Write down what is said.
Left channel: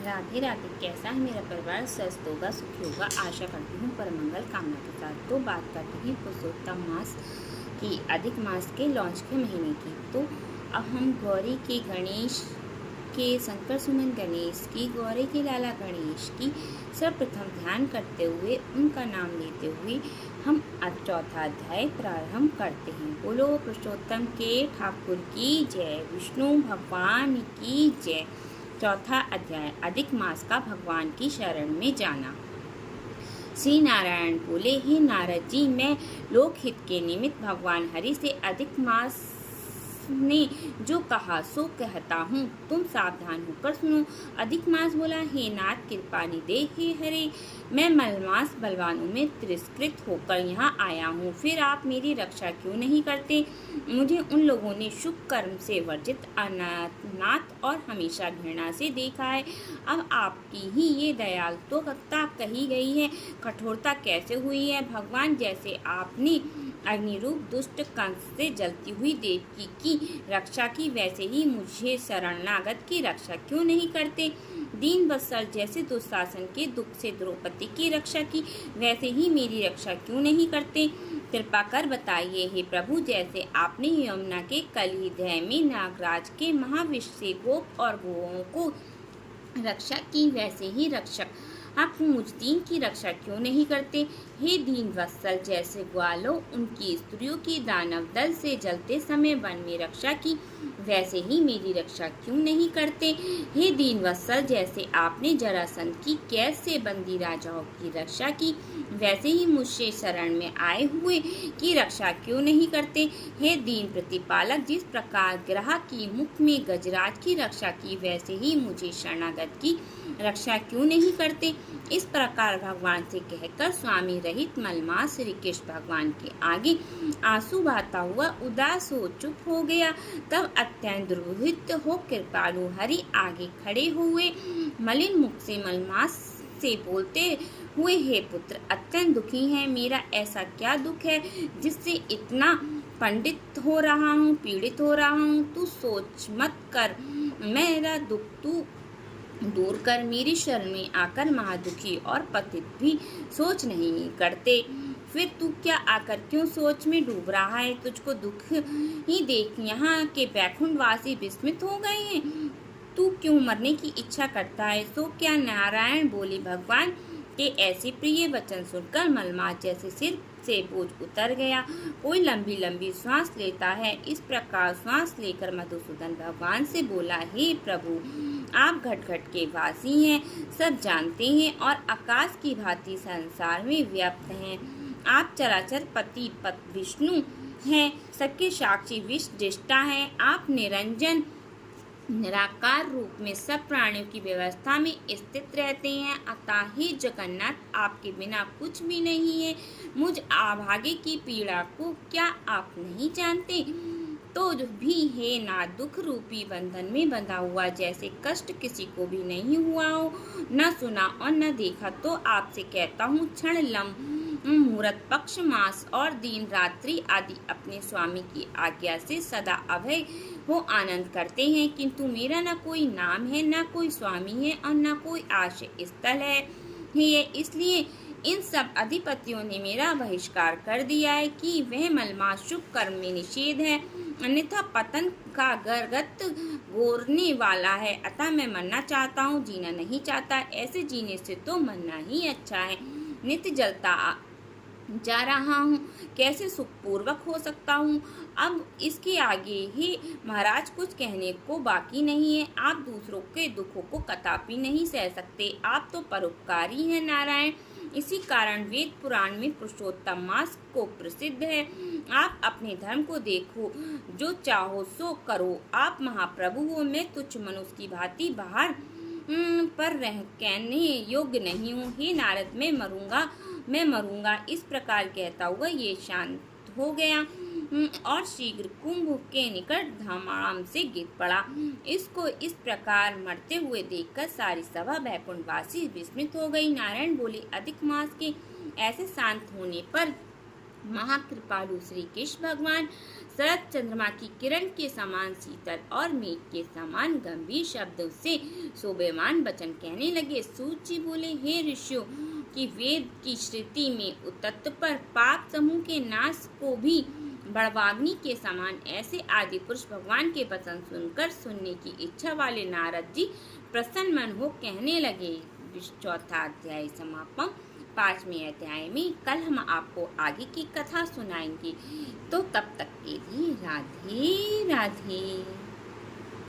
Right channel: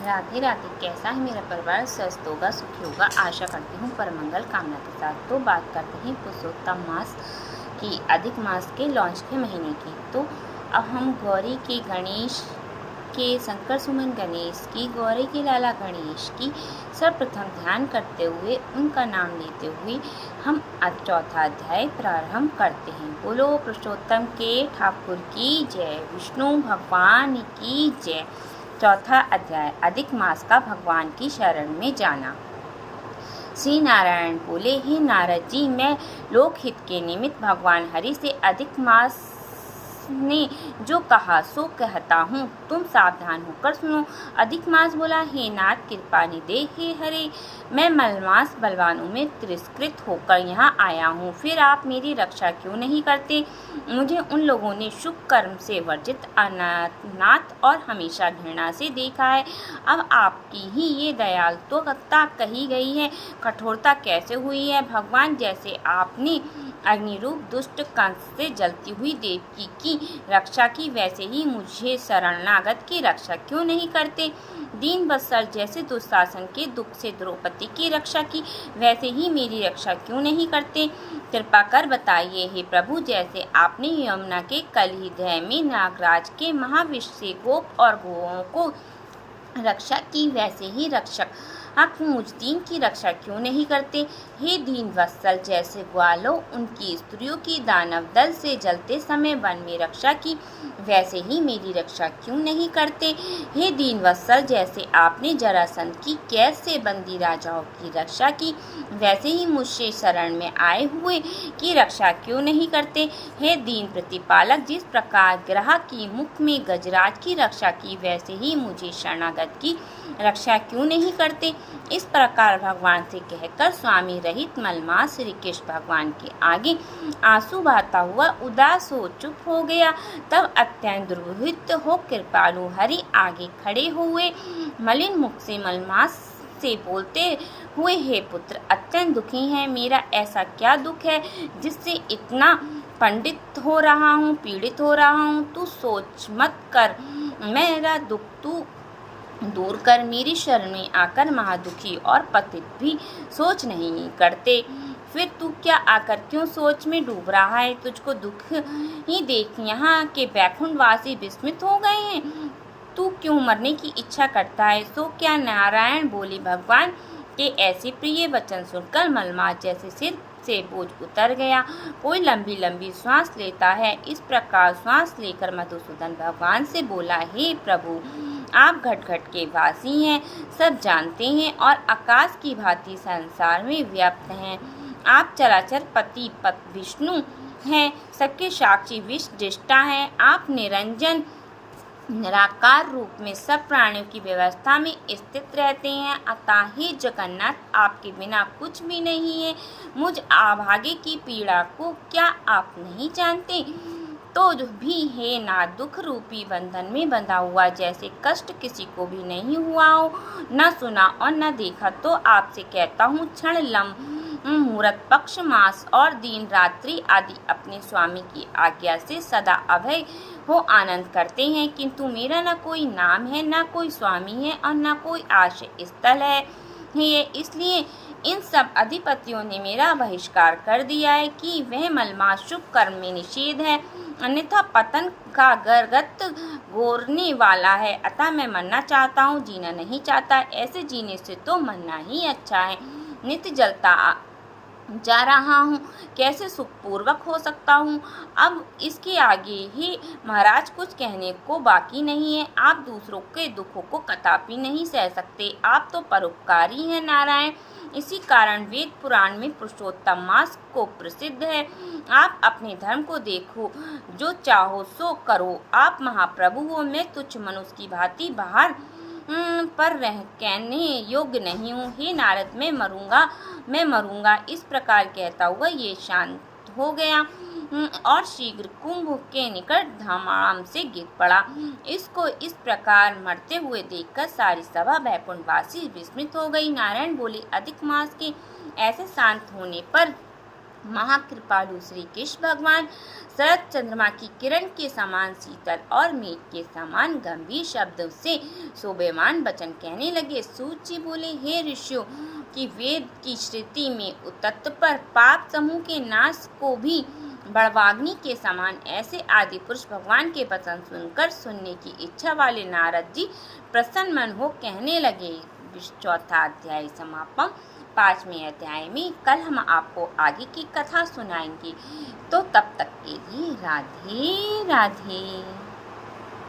राधे राधे। कैसा है मेरा परिवार? स्वस्थ होगा, सुखी होगा, आशा करती हूँ पर मंगल कामना के साथ। तो बात करते हैं पुरुषोत्तम मास की, अधिक मास के लॉन्च के महीने की। तो अब हम गौरी के गणेश के शंकर सुमन गणेश की, गौरी के लाला गणेश की सर्वप्रथम ध्यान करते हुए, उनका नाम लेते हुए हम आज चौथा अध्याय प्रारंभ करते हैं। बोलो पुरुषोत्तम के ठाकुर की जय, विष्णु भगवान की जय। चौथा अध्याय, अधिक मास का भगवान की शरण में जाना। श्री नारायण बोले, हे नारद जी, मैं लोकहित के निमित्त भगवान हरि से अधिक मास ने जो कहा सो कहता हूँ, तुम सावधान होकर सुनो। अधिक मास बोला, हे नाथ कृपा निधे हे हरे, मैं मलमास बलवानों में तिरस्कृत होकर यहाँ आया हूँ, फिर आप मेरी रक्षा क्यों नहीं करते? मुझे उन लोगों ने शुभ कर्म से वर्जित, अनाथ और हमेशा घृणा से देखा है। अब आपकी ही ये दयालुता कही गई है, कठोरता कैसे हुई है? भगवान जैसे आपने अग्निरूप दुष्ट कंस से जलती हुई देवकी की रक्षा की, वैसे ही मुझे शरणागत की रक्षा क्यों नहीं करते? दीन बत्सल जैसे दुशासन के दुख से द्रौपदी की रक्षा की, वैसे ही मेरी रक्षा क्यों नहीं करते? कृपा कर बताइए हे प्रभु, जैसे आपने यमुना के कलिदय में नागराज के महाविष से गोप और गोओं को रक्षा की, वैसे ही रक्षक आप मुझ दीन की रक्षा क्यों नहीं करते? हे दीन वत्सल जैसे ग्वालों उनकी स्त्रियों की दानव दल से जलते समय वन में रक्षा की, वैसे ही मेरी रक्षा क्यों नहीं करते? हे दीन वत्सल जैसे आपने जरासंध की कैद से बंदी राजाओं की रक्षा की, वैसे ही मुझसे शरण में आए हुए की रक्षा क्यों नहीं करते? हे दीन प्रतिपालक, जिस प्रकार ग्रह की मुख में गजराज की रक्षा की, वैसे ही मुझे शरणागत की रक्षा क्यों नहीं करते? इस प्रकार भगवान से कहकर स्वामी रहित मलमास श्री कृष्ण भगवान के आगे आंसू बहाता हुआ उदास हो चुप हो गया। तब अत्यंत दुर्वृत्त हो कृपालु हरि आगे खड़े हुए, मलिन मुख से मलमास से बोलते हुए, हे पुत्र, अत्यंत दुखी है। मेरा ऐसा क्या दुख है जिससे इतना पंडित हो रहा हूँ, पीड़ित हो रहा हूँ? तू सोच मत कर, मेरा दुख तू दूर कर। मेरी शरण में आकर महादुखी और पतित भी सोच नहीं करते, फिर तू क्या आकर क्यों सोच में डूब रहा है? तुझको दुख ही देख यहाँ के बैकुंठवासी विस्मित हो गए हैं। तू क्यों मरने की इच्छा करता है? सो क्या? नारायण बोले, भगवान के ऐसे प्रिय वचन सुनकर मलमास जैसे सिर से बोझ उतर गया, कोई लंबी लंबी श्वास लेता है। इस प्रकार श्वास लेकर मधुसूदन भगवान से बोला, हे प्रभु, आप घट घट के वासी हैं, सब जानते हैं और आकाश की भांति संसार में व्याप्त हैं। आप चराचर पति पत विष्णु हैं, सबके साक्षी विष्ट हैं। आप निरंजन निराकार रूप में सब प्राणियों की व्यवस्था में स्थित रहते हैं। अतः ही जगन्नाथ, आपके बिना कुछ भी नहीं है। मुझ आभागे की पीड़ा को क्या आप नहीं जानते? तो भी हे ना, दुख रूपी बंधन में बंधा हुआ जैसे कष्ट किसी को भी नहीं हुआ हो, न सुना और न देखा, तो आपसे कहता हूँ, क्षण लम्ब मुहूर्त पक्ष मास और दिन रात्रि आदि अपने स्वामी की आज्ञा से सदा अभय हो आनंद करते हैं, किंतु मेरा न कोई नाम है, न कोई स्वामी है और न कोई आश्रय स्थल है। ये इसलिए इन सब अधिपतियों ने मेरा बहिष्कार कर दिया है कि वह मलमास शुभ कर्म में निषेध है, अन्यथा पतन का गर्गत गोरने वाला है। अतः मैं मरना चाहता हूँ, जीना नहीं चाहता। ऐसे जीने से तो मरना ही अच्छा है। नित्य जलता जा रहा हूँ, कैसे सुखपूर्वक हो सकता हूँ? अब इसके आगे ही महाराज कुछ कहने को बाकी नहीं है। आप दूसरों के दुखों को कदापि नहीं सह सकते। आप तो परोपकारी हैं नारायण, इसी कारण वेद पुराण में पुरुषोत्तम मास को प्रसिद्ध है। आप अपने धर्म को देखो, जो चाहो सो करो। आप महाप्रभु हो, मैं तुच्छ मनुष्य की भांति बाहर पर रह कहने योग्य नहीं हूँ। हे नारद, मैं मरूंगा। इस प्रकार कहता हुआ ये शांत हो गया और शीघ्र कुंभ के निकट धमाम से गिर पड़ा। इसको इस प्रकार मरते हुए देखकर सारी सभा बैकुंठवासी विस्मित हो गई। नारायण बोले, अधिक मास के ऐसे शांत होने पर महाकृपालु श्री कृष्ण भगवान शरद चंद्रमा की किरण के समान शीतल और मेघ के समान गंभीर शब्दों से शोभेमान वचन कहने लगे। सूत जी बोले, हे ऋषियों की वेद की श्रुति में तत्पर पाप समूह के नाश को भी बड़वाग्नि के समान ऐसे आदि पुरुष भगवान के वचन सुनकर सुनने की इच्छा वाले नारद जी प्रसन्न मन हो कहने लगे। चौथा अध्याय समापन। 5वें अध्याय में कल हम आपको आगे की कथा सुनाएंगे। तो तब तक के लिए राधे राधे।